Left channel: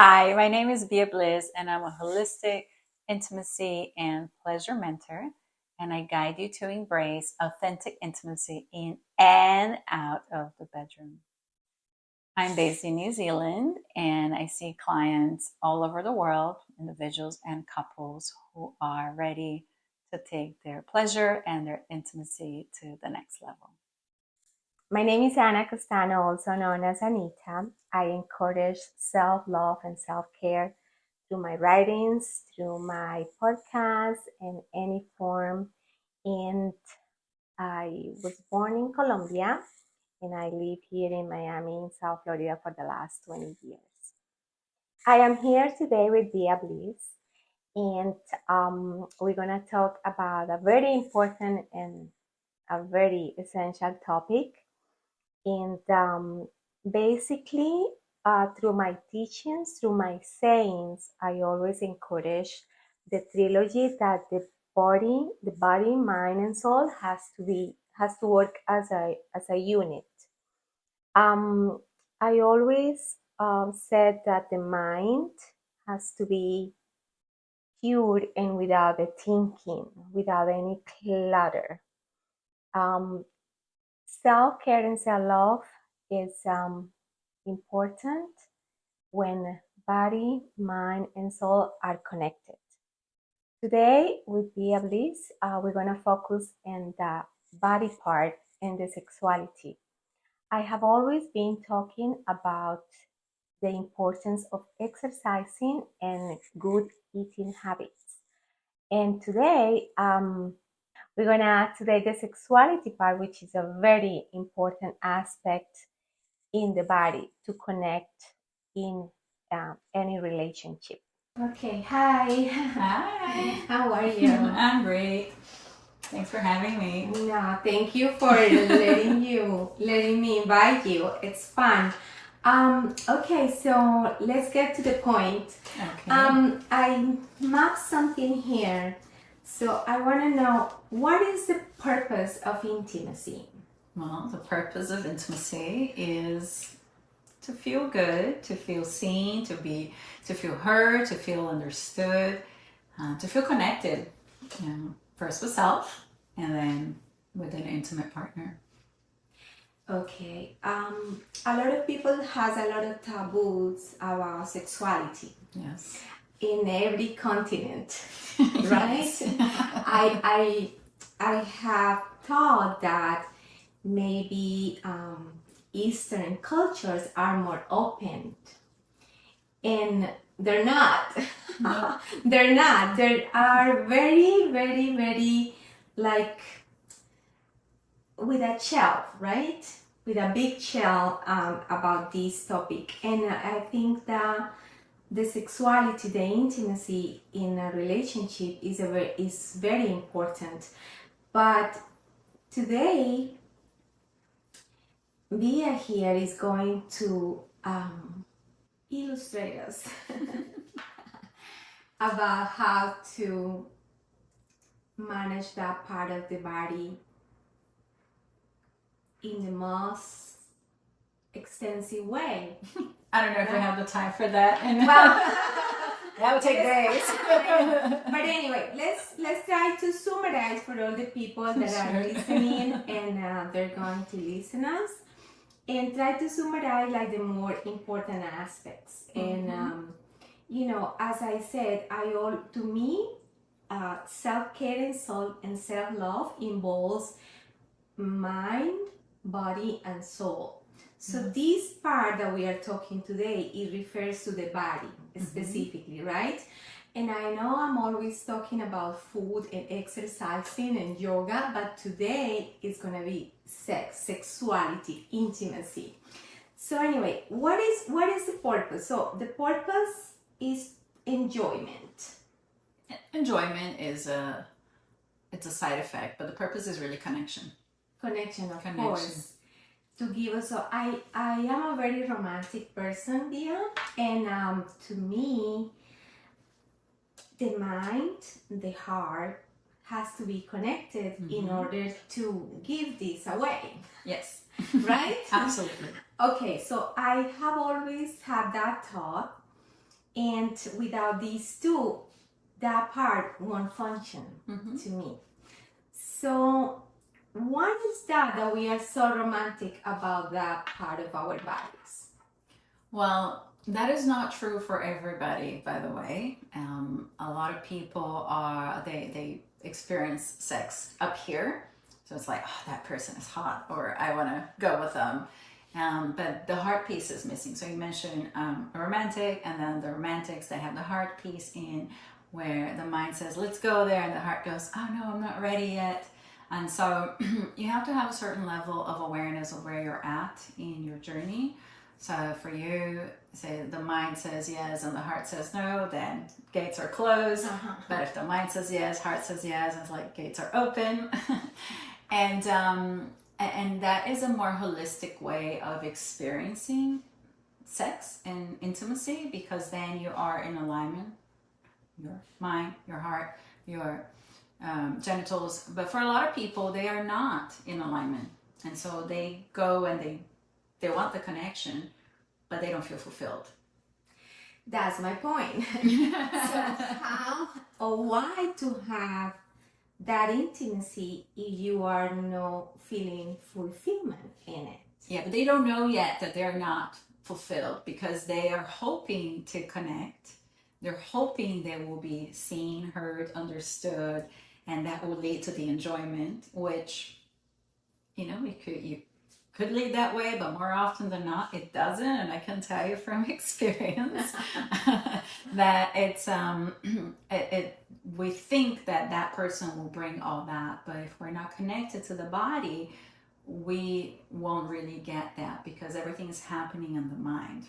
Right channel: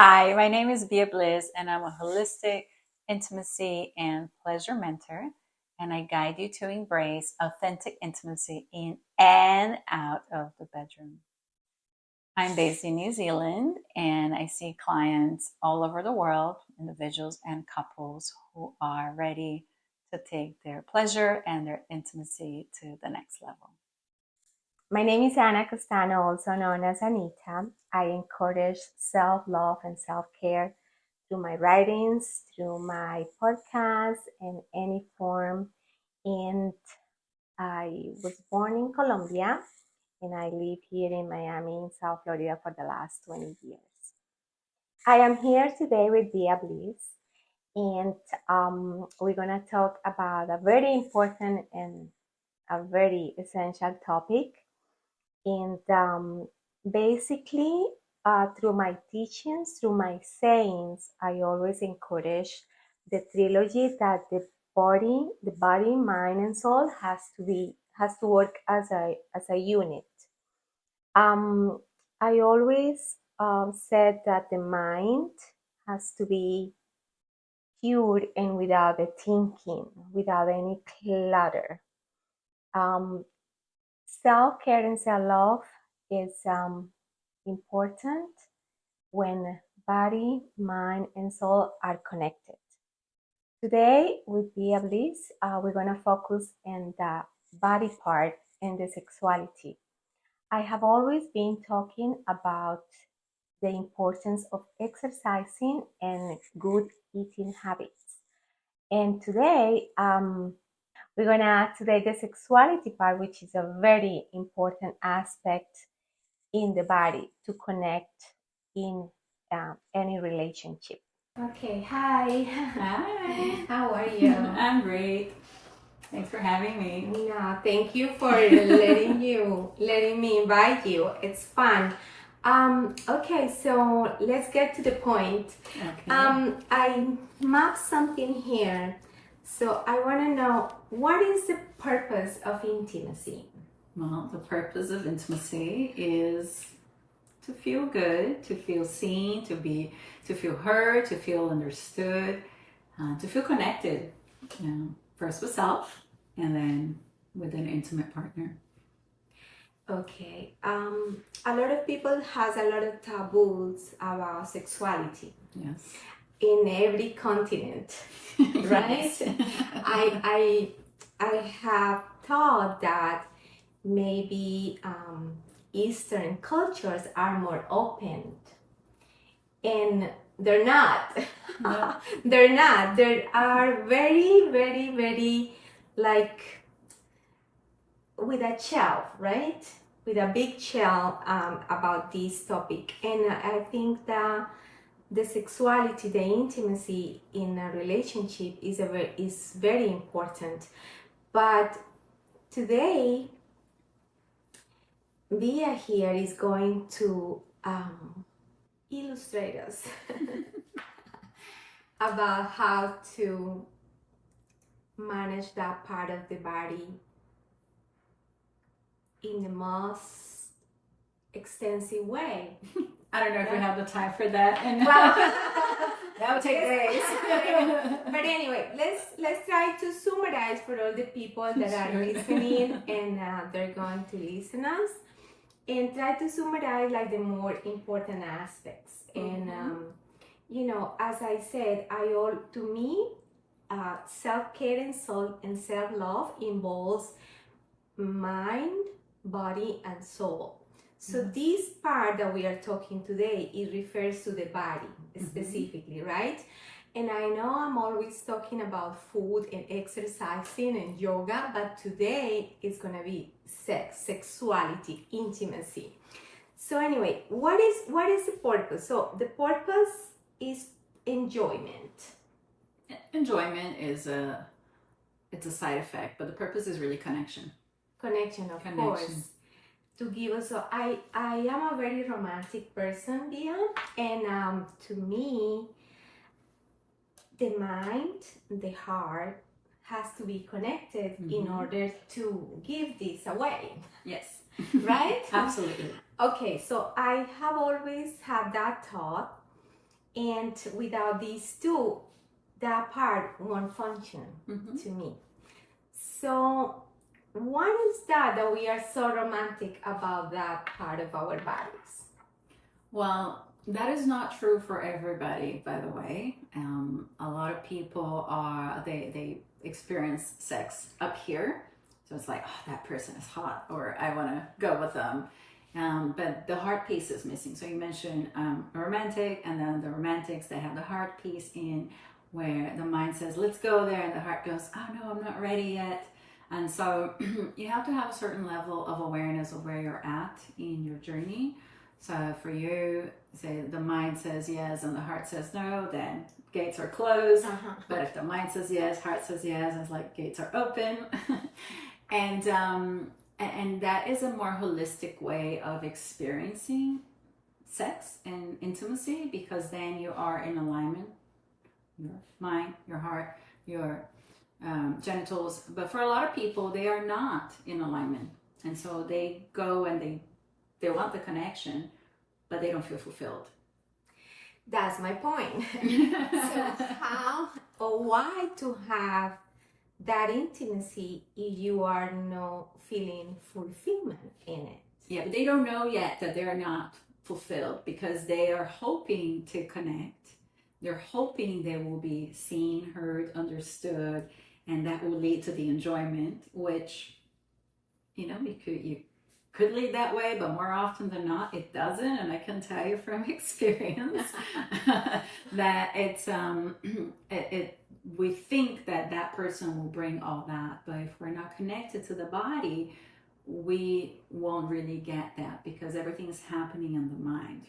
Hi, my name is Bia Bliss, and I'm a holistic intimacy and pleasure mentor. And I guide you to embrace authentic intimacy in and out of the bedroom. I'm based in New Zealand, and I see clients all over the world, individuals and couples who are ready to take their pleasure and their intimacy to the next level. My name is Anna Castano, also known as Anita. I encourage self-love and self-care through my writings, through my podcast, in any form. And I was born in Colombia, and I live here in Miami, in South Florida, for the last 20 years. I am here today with Dia Bliss, and we're going to talk about a very important and a very essential topic. And basically, through my teachings, through my sayings, I always encourage the trilogy that the body, mind, and soul has to work as a unit. I always said that the mind has to be pure and without the thinking, without any clutter. Um, Self-care and self-love is important when body, mind, and soul are connected. Today, with Bia Bliss, we're going to focus on the body part and the sexuality. I have always been talking about the importance of exercising and good eating habits. And today, we're going to add today the sexuality part, which is a very important aspect in the body to connect in any relationship. Okay, hi. Hi, How are you? I'm great. Thanks for having me. No, thank you for letting me invite you. It's fun. Okay, so let's get to the point. Okay. I mapped something here. So I want to know, what is the purpose of intimacy? Well, the purpose of intimacy is to feel good, to feel seen, to feel heard, to feel understood, to feel connected. First with self, and then with an intimate partner. Okay. A lot of people has a lot of taboos about sexuality Yes. in every continent, right? I have thought that maybe Eastern cultures are more open, and they're not. No. They're not. They are very, very, very like with a shelf, right? With a big shell about this topic. And I think that the sexuality, the intimacy in a relationship is very important. But today, Bia here is going to illustrate us about how to manage that part of the body in the most extensive way. I don't know if we have the time for that. And Well, that would take days. but anyway, let's try to summarize for all the people that are Sure. listening and they're going to listen us, and try to summarize like the more important aspects. And as I said, to me, self-care and self-love involves mind, body, and soul. So this part that we are talking today, it refers to the body specifically, right? And I know I'm always talking about food and exercising and yoga, but today it's gonna be sex, sexuality, intimacy. So anyway, what is the purpose? So the purpose is enjoyment. Enjoyment it's a side effect, but the purpose is really connection. Connection, of course. To give us, so I am a very romantic person, Dia, and to me, the mind, the heart has to be connected in order to give this away. Yes. Right? Absolutely. Okay, so I have always had that thought, And without these two, that part won't function to me. So why is that we are so romantic about that part of our bodies? Well, that is not true for everybody, by the way. A lot of people they experience sex up here. So it's like, oh, that person is hot, or I want to go with them. But the heart piece is missing. So you mentioned a romantic, and then the romantics, they have the heart piece in where the mind says, let's go there, and the heart goes, oh no, I'm not ready yet. And so you have to have a certain level of awareness of where you're at in your journey. So for you, say the mind says yes and the heart says no, then gates are closed. But if the mind says yes, heart says yes, it's like gates are open. And that is a more holistic way of experiencing sex and intimacy, because then you are in alignment, your mind, your heart, your genitals. But for a lot of people, they are not in alignment, and so they go and they want the connection, but they don't feel fulfilled. That's my point. So how or why to have that intimacy if you are not feeling fulfillment in it? Yeah, but they don't know yet that they're not fulfilled, because they are hoping to connect. They're hoping they will be seen, heard, understood, and that will lead to the enjoyment, which, you could lead that way, but more often than not, it doesn't. And I can tell you from experience that it's we think that person will bring all that, but if we're not connected to the body, we won't really get that, because everything's happening in the mind.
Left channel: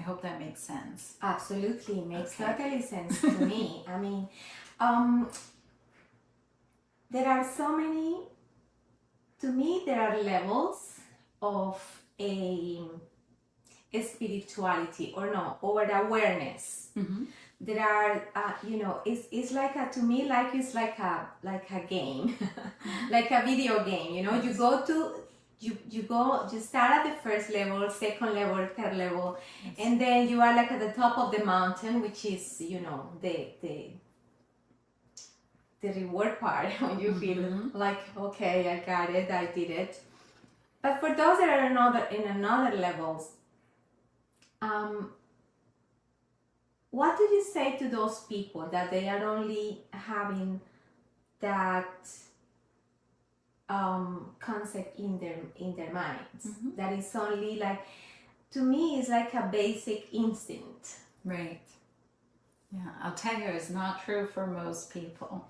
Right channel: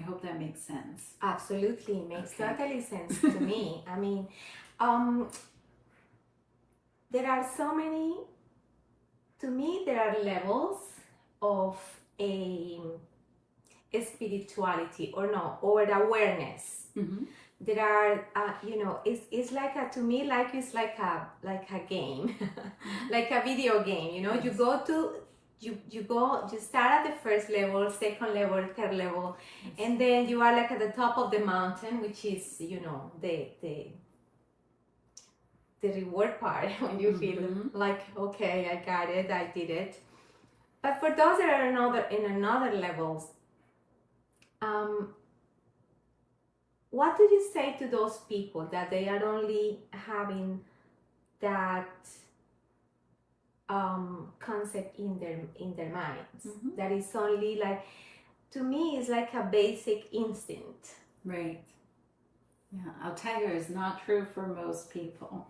I hope that makes sense. Absolutely, makes totally sense to me. I mean, there are so many. To me, there are levels of a spirituality or awareness. There are, it's like to me, like it's like a game, like a video game. Yes. You start at the first level, second level, third level, yes. And then you are like at the top of the mountain, which is the reward part, when you feel like, okay, I got it, I did it. But for those that are in another levels, what do you say to those people that they are only having that concept in their minds? That is only like, to me, it's like a basic instinct. Right. Yeah, I'll tell you, it's not true for most people.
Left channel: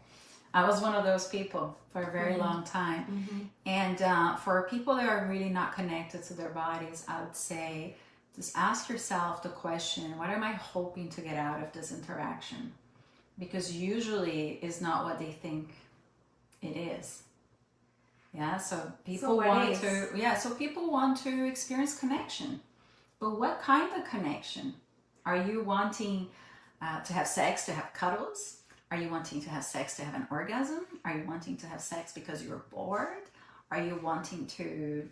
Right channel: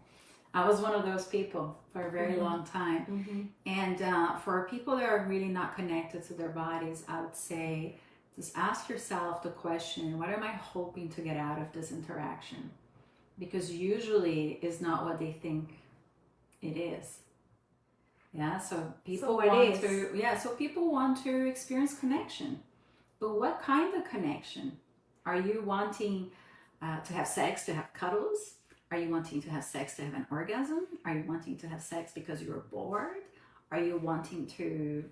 I was one of those people for a very long time. And for people that are really not connected to their bodies, I would say, just ask yourself the question, what am I hoping to get out of this interaction? Because usually it's not what they think it is. Yeah, so people want to experience connection. But what kind of connection? Are you wanting to have sex, to have cuddles? Are you wanting to have sex to have an orgasm? Are you wanting to have sex because you're bored? Are you wanting to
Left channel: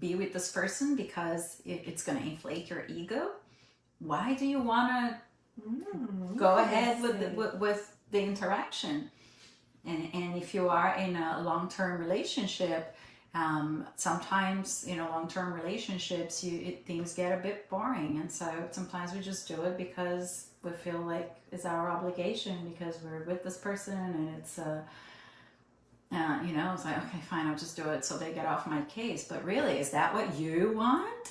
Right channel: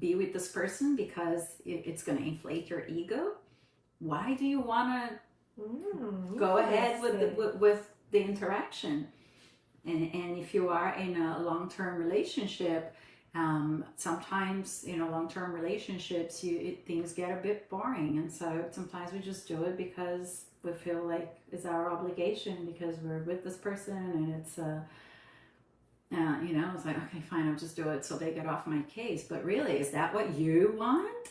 be with this person because it's going to inflate your ego? Why do you want to go ahead with the interaction? And if you are in a long-term relationship, sometimes, long-term relationships, things get a bit boring. And so sometimes we just do it because we feel like it's our obligation, because we're with this person, and it's it's like, okay, fine, I'll just do it so they get off my case. But really, is that what you want?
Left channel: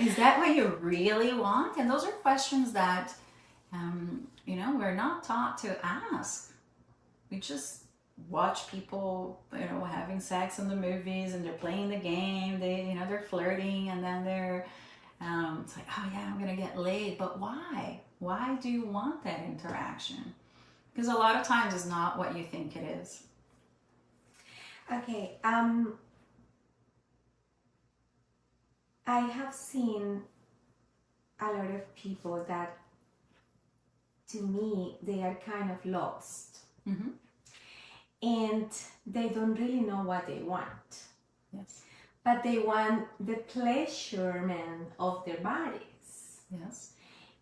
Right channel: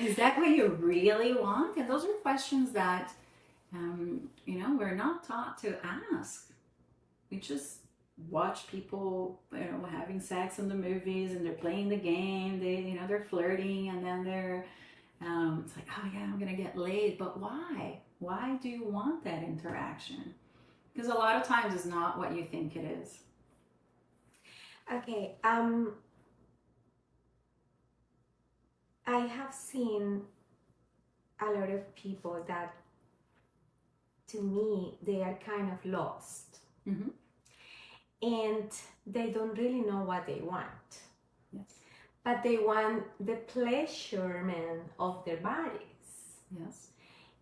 Is that what you really want? And those are questions that we're not taught to ask. We just watch people having sex in the movies, and they're playing the game, they're flirting, and then they're it's like, oh yeah, I'm gonna get laid. But why do you want that interaction? Because a lot of times it's not what you think it is. Okay, I have seen a lot of people that, to me, they are kind of lost. And they don't really know what they want. Yes. But they want the pleasurement of their bodies. Yes.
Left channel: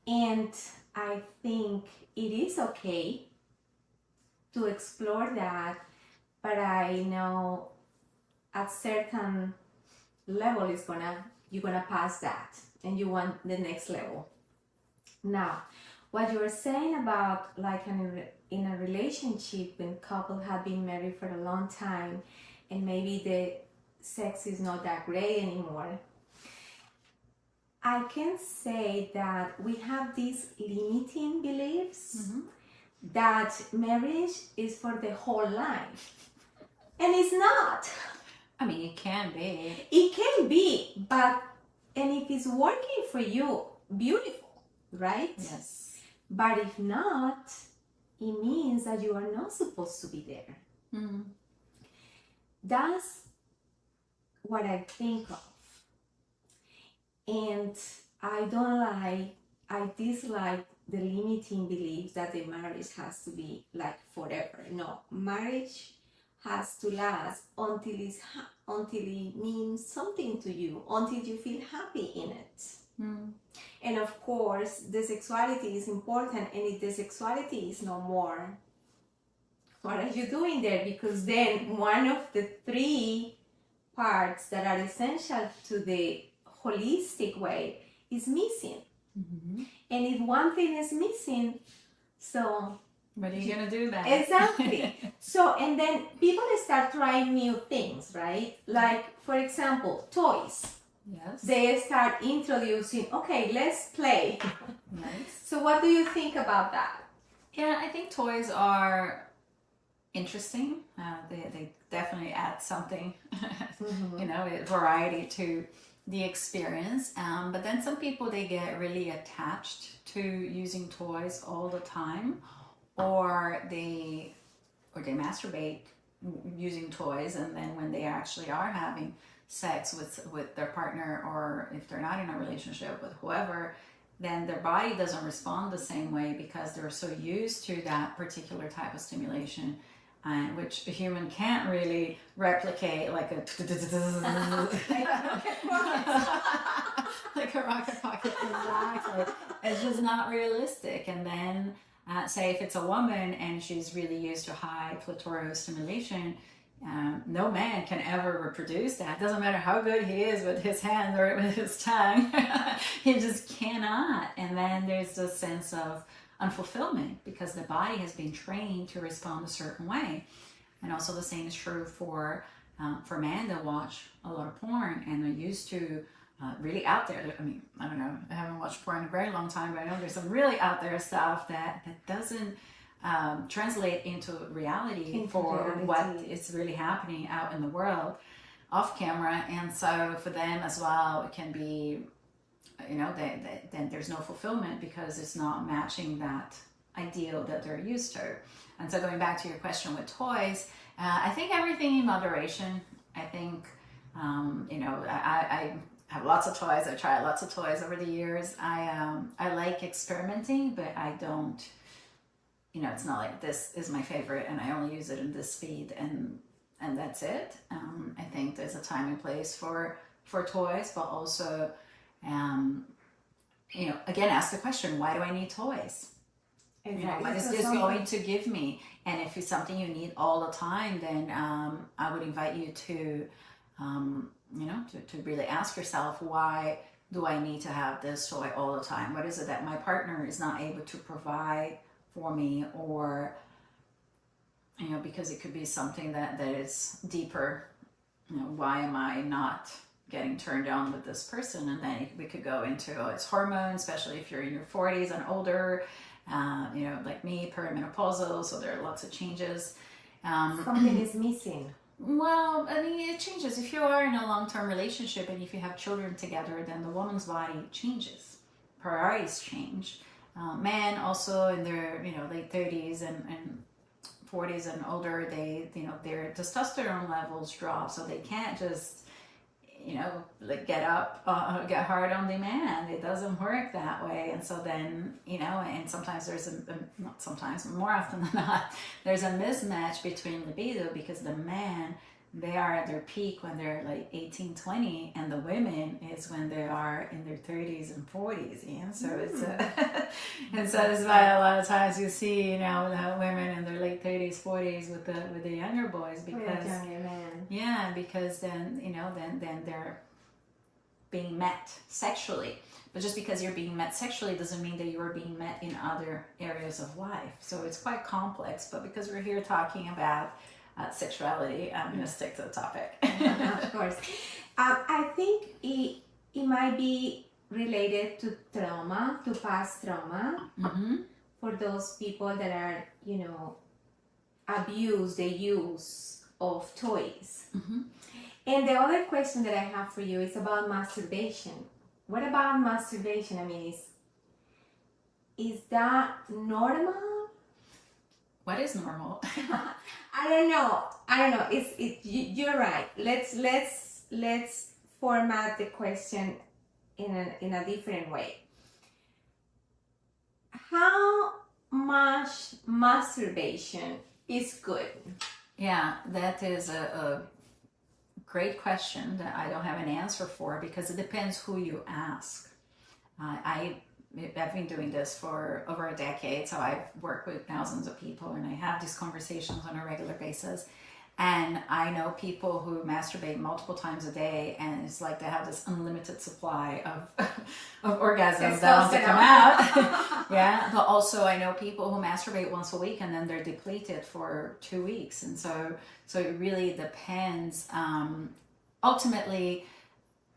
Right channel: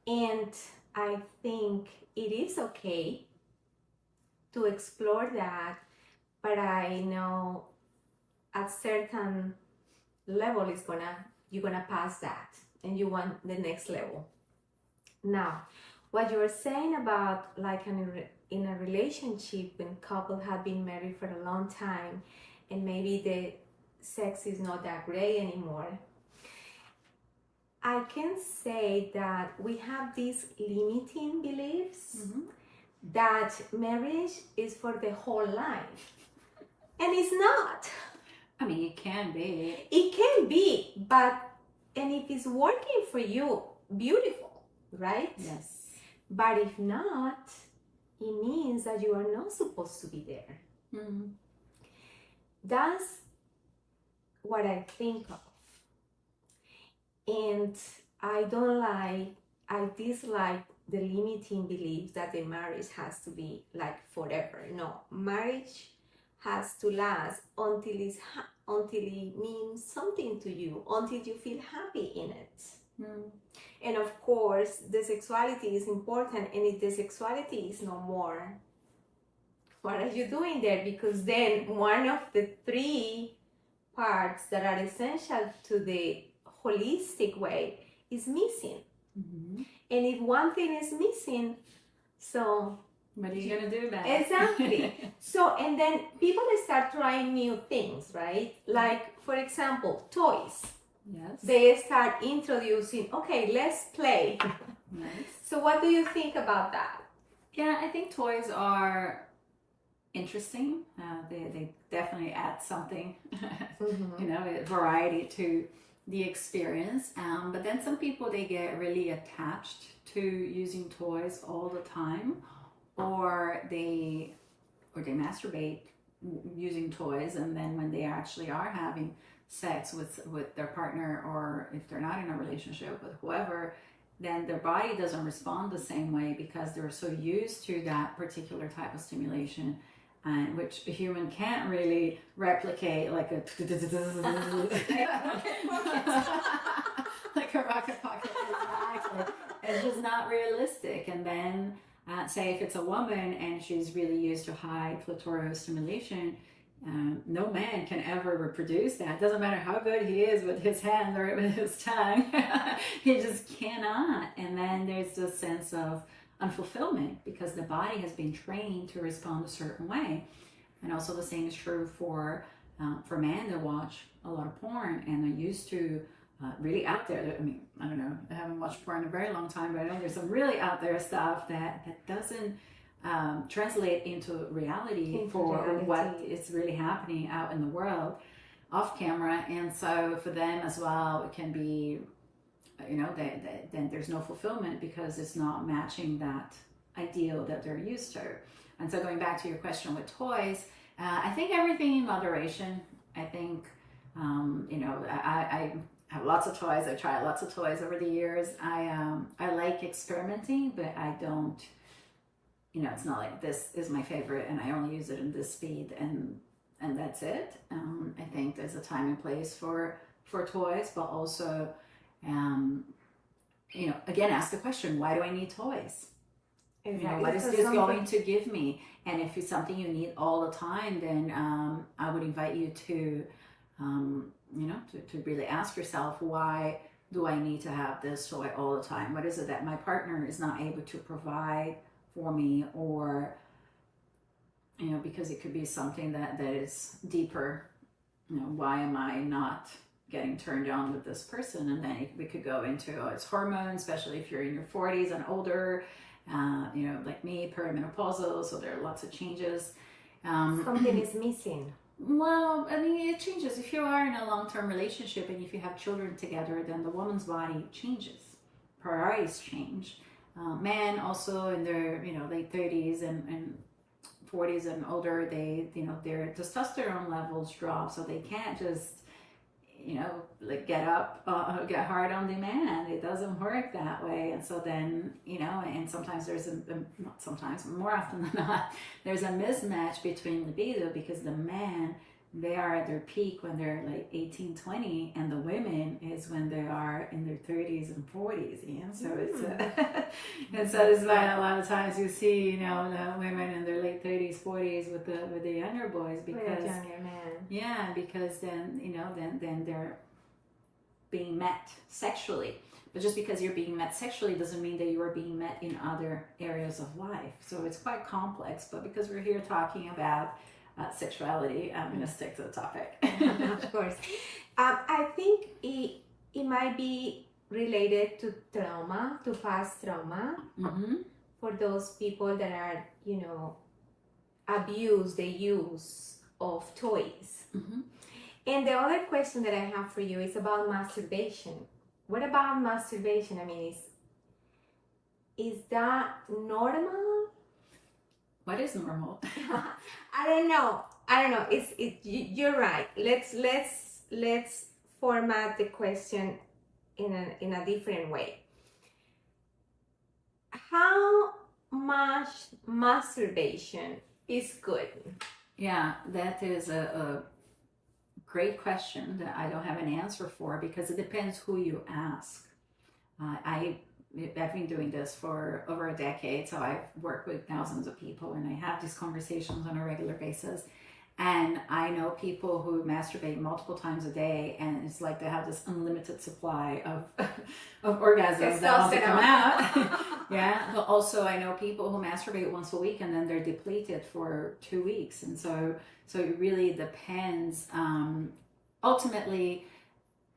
And I think it is okay to explore that, but I know at certain level is gonna you're gonna pass that and you want the next level. Now, what you are saying about like in a relationship when couple have been married for a long time and maybe the sex is not that great anymore, I can say that we have these limiting beliefs that marriage is for the whole life. And it's not. I mean, it can be. It can be, but and if it's working for you, beautiful, right? Yes. But if not, it means that you are not supposed to be there. Mm-hmm. That's what I think of. And I dislike the limiting beliefs that the marriage has to be like forever. No, marriage has to last until it means something to you, until you feel happy in it. Mm. And of course, the sexuality is important, and if the sexuality is no more, what are you doing there? Because then one of the three parts that are essential to the holistic way is missing. Mm-hmm. And if one thing is missing, so what are you gonna do then? Exactly. So, and then people start trying new things, right? Like, for example, toys. Yes. They start introducing, okay, let's play. Nice. So what do you think about that? Yeah, I think toys are interesting. They definitely add something, Mm-hmm. you know, variety to the experience. But then some people, they get really attached to using toys all the time, or they masturbate using toys, and then when they actually are having sex with their partner, or if they're not in a relationship with whoever, then their body doesn't respond the same way because they're so used to that particular type of stimulation, and which a human can't really replicate, like a like a rocket pocket. Exactly. It's just not realistic. And then say if it's a woman and she's really used to high clitoral stimulation, no man can ever reproduce that. Doesn't matter how good he is with his hands or with his tongue. He just cannot. And then there's this sense of unfulfillment because the body has been trained to respond a certain way. And also the same is true for men that watch a lot of porn and are used to really out there. I mean, I don't know, I haven't watched porn in a very long time, but I know there's some really out there stuff that doesn't translate into reality for what is really happening out in the world off camera. And so for them as well, it can be, you know, then there's no fulfillment because it's not matching that ideal that they're used to. And so going back to your question with toys, I think everything in moderation. I think, you know, I have lots of toys. I tried lots of toys over the years. I like experimenting, but I don't, you know, it's not like this is my favorite and I only use it in this speed and that's it. I think there's a time and place for toys, but also, you know, again, ask the question, why do I need toys? Exactly. You know, what is this going to give me? And if it's something you need all the time, then I would invite you to, you know, to really ask yourself, why do I need to have this toy all the time? What is it that my partner is not able to provide for me? Or, you know, because it could be something that is deeper. You know, why am I not getting turned on with this person? And then we could go into, oh, it's hormones, especially if you're in your 40s and older. You know, like me, perimenopausal, so there are lots of changes. Something is missing. Well, I mean, it changes. If you are in a long-term relationship and if you have children together, then the woman's body changes. Priorities change. Men also in their, you know, late 30s and 40s and older, they, you know, their testosterone levels drop, so they can't just, you know, like get get hard on demand. It doesn't work that way. And so then, you know, and sometimes there's not sometimes, more often than not, there's a mismatch between libido because the man they are at their peak when they're like 18, 20, and the women is when they are in their 30s and 40s. Yeah, so it's and so it's why a lot of times you see, you know, the women in their late 30s, 40s with the younger boys, because younger men. yeah, because then, you know, then they're being met sexually. But just because you're being met sexually doesn't mean that you are being met in other areas of life. So it's quite complex. But because we're here talking about sexuality, I'm going to stick to the topic. Of course. I think it might be related to trauma, to past trauma, for those people that are, you know, abuse the use of toys. And the other question that I have for you is about masturbation. What about masturbation? I mean, is that normal? What is normal? I don't know. You're right. Let's format the question in a different way. How much masturbation is good? Yeah, that is a great question that I don't have an answer for, because it depends who you ask. I've been doing this for over a decade, so I've worked with thousands of people and I have these conversations on a regular basis. And I know people who masturbate multiple times a day, and it's like they have this unlimited supply of orgasms that want to come out. Yeah, but also I know people who masturbate once a week and then they're depleted for 2 weeks, and so it really depends. Ultimately,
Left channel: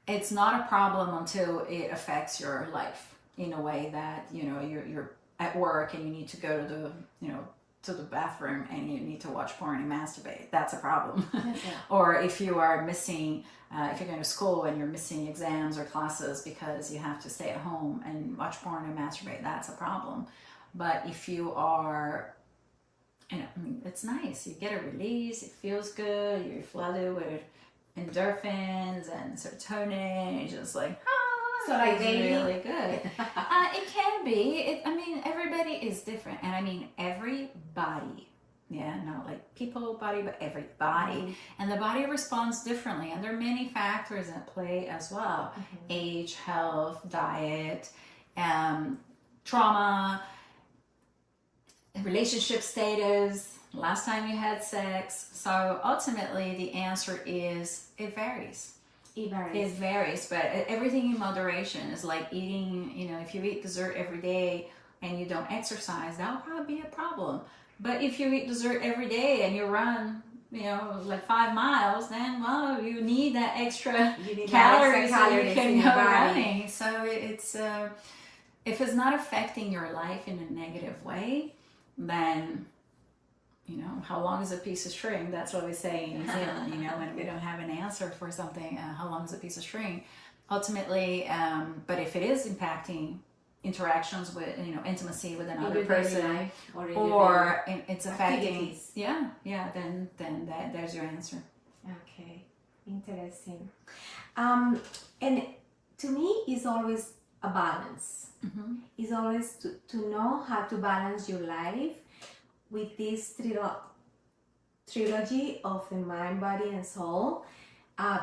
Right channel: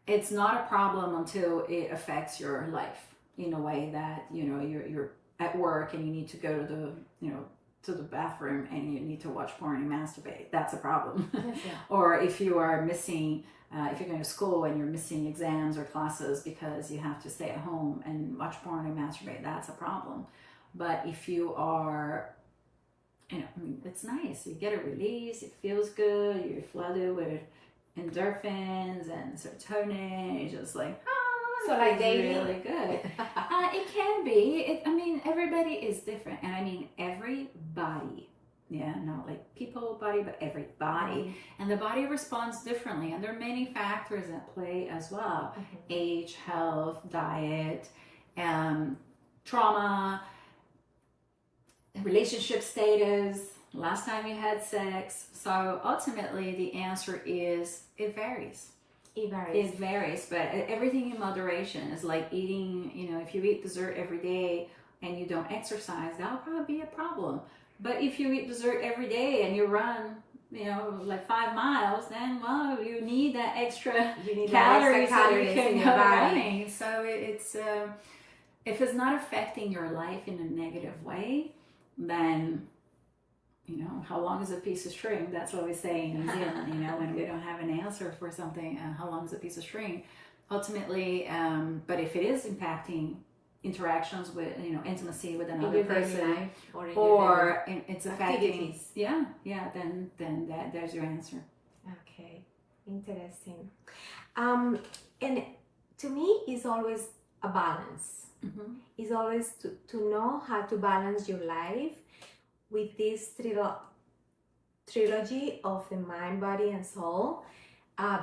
it's not a problem until it affects your life in a way that, you know, you're at work and you need to go to the, you know, to the bathroom and you need to watch porn and masturbate. That's a problem. Or if you are missing, if you're going to school and you're missing exams or classes because you have to stay at home and watch porn and masturbate, that's a problem. But if you are, you know, it's nice. You get a release. It feels good. You're flooded with endorphins and serotonin. You're just like, so like daily? Really good. It can be. I mean, everybody is different, and I mean everybody. Yeah, not like people body, but everybody. And the body responds differently, and there are many factors at play as well: age, health, diet, trauma, relationship status, last time you had sex. So ultimately, the answer is it varies. It varies, but everything in moderation is like eating, you know, if you eat dessert every day and you don't exercise, that would probably be a problem. But if you eat dessert every day and you run, you know, like 5 miles, then, well, you need that extra calories so you can go running. So it's, if it's not affecting your life in a negative way, then, you know, how long is a piece of string? That's what we say in New Zealand, you know, when we don't have an answer for something, how long is a piece of string? Ultimately, but if it is impacting interactions with, you know, intimacy with another person, or it's affecting, then there's your answer. Okay, interesting. And to me, it's always a balance. It's always to know how to balance your life with this trilogy of the mind, body, and soul,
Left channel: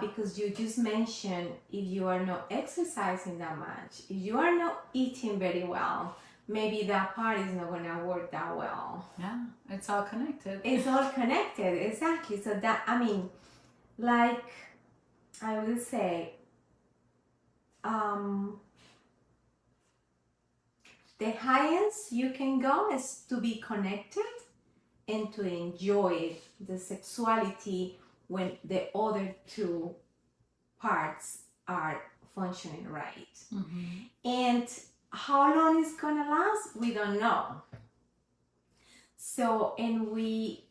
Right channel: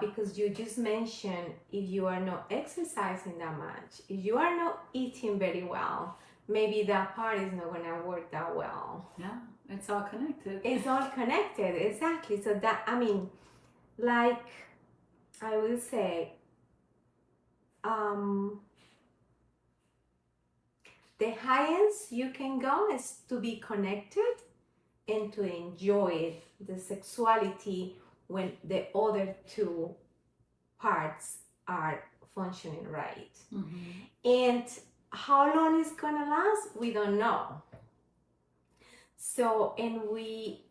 because you just mentioned, if you are not exercising that much, if you are not eating very well, maybe that part is not going to work that well. Yeah, it's all connected. It's all connected, exactly. So that, I mean, like I will say, the highest you can go is to be connected and to enjoy the sexuality when the other two parts are functioning right. And how long it's gonna last, we don't know. So, and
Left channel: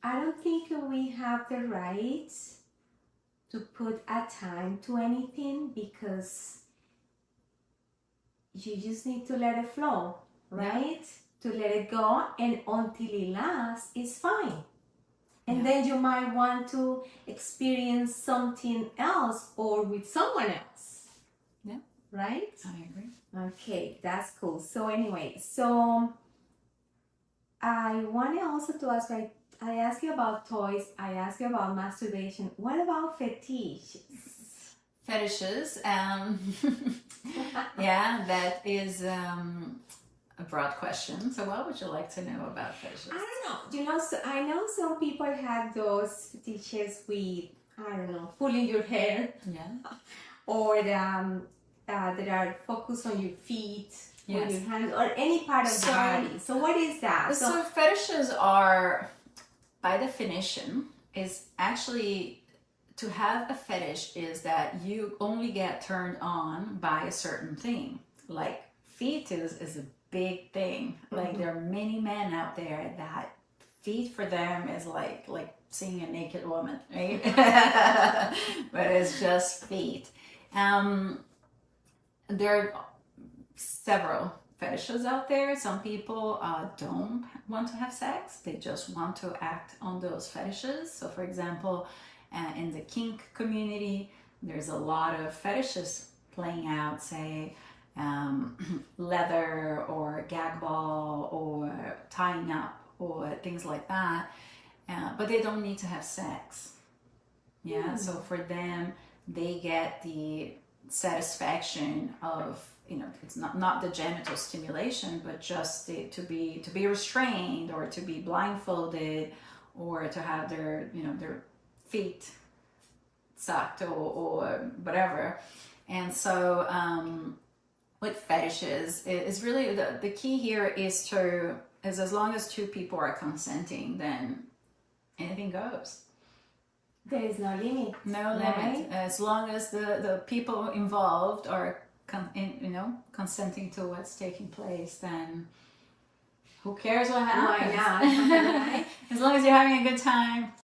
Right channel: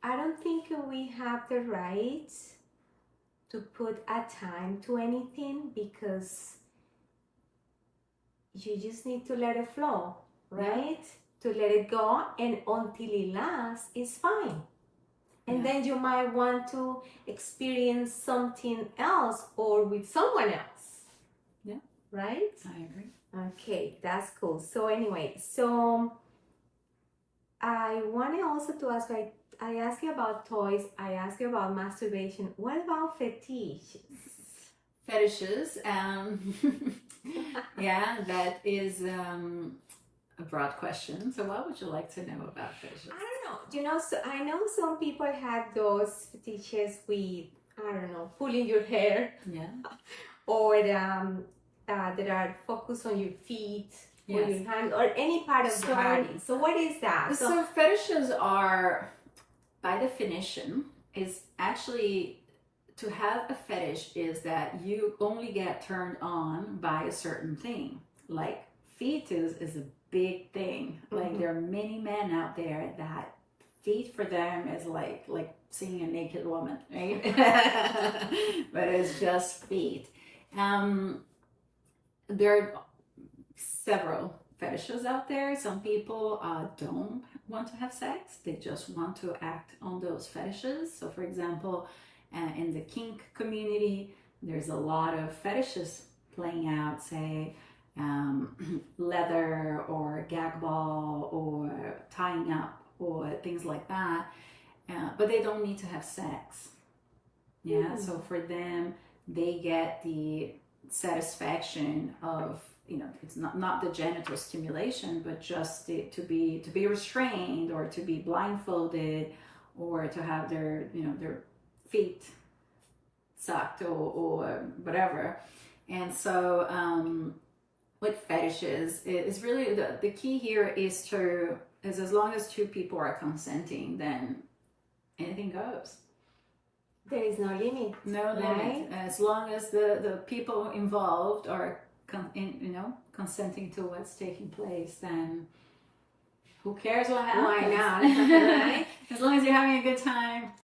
I don't think we have the right to put a time to anything, because you just need to let it flow, right? To let it go, and until it lasts, it's fine. And then you might want to experience something else or with someone else. Yeah. Right? I agree. Okay, that's cool. So anyway, so I wanted also to ask, I asked you about toys, I asked you about masturbation. What about fetishes? Fetishes, yeah, that is a broad question. So what would you like to know about fetishes? I don't know. You know, so I know some people have those fetishes with, I don't know, pulling your hair. Yeah. Or that are focused on your feet, or Yes. your hands, or any part of the body. So what is that? So fetishes are, by definition, is actually, to have a fetish is that you only get turned on by a certain thing. Like feet is a big thing. Like there are many men out there that feet for them is like seeing a naked woman, right? But it's just feet. There are several fetishes out there. Some people don't want to have sex, they just want to act on those fetishes. So, for example, in the kink community, there's a lot of fetishes playing out, say, leather or gag ball or tying up or things like that. But they don't need to have sex. Yeah, so for them, they get the satisfaction of, it's not the genital stimulation, but just to be restrained, or to be blindfolded, or to have their feet sucked, or whatever. And so with fetishes, is really the key here is as long as two people are consenting, then anything goes. There is no limit. No right? limit. As long as the people involved are consenting to what's taking place, then who cares what happens? Why not? Right? As long as you're having a good time.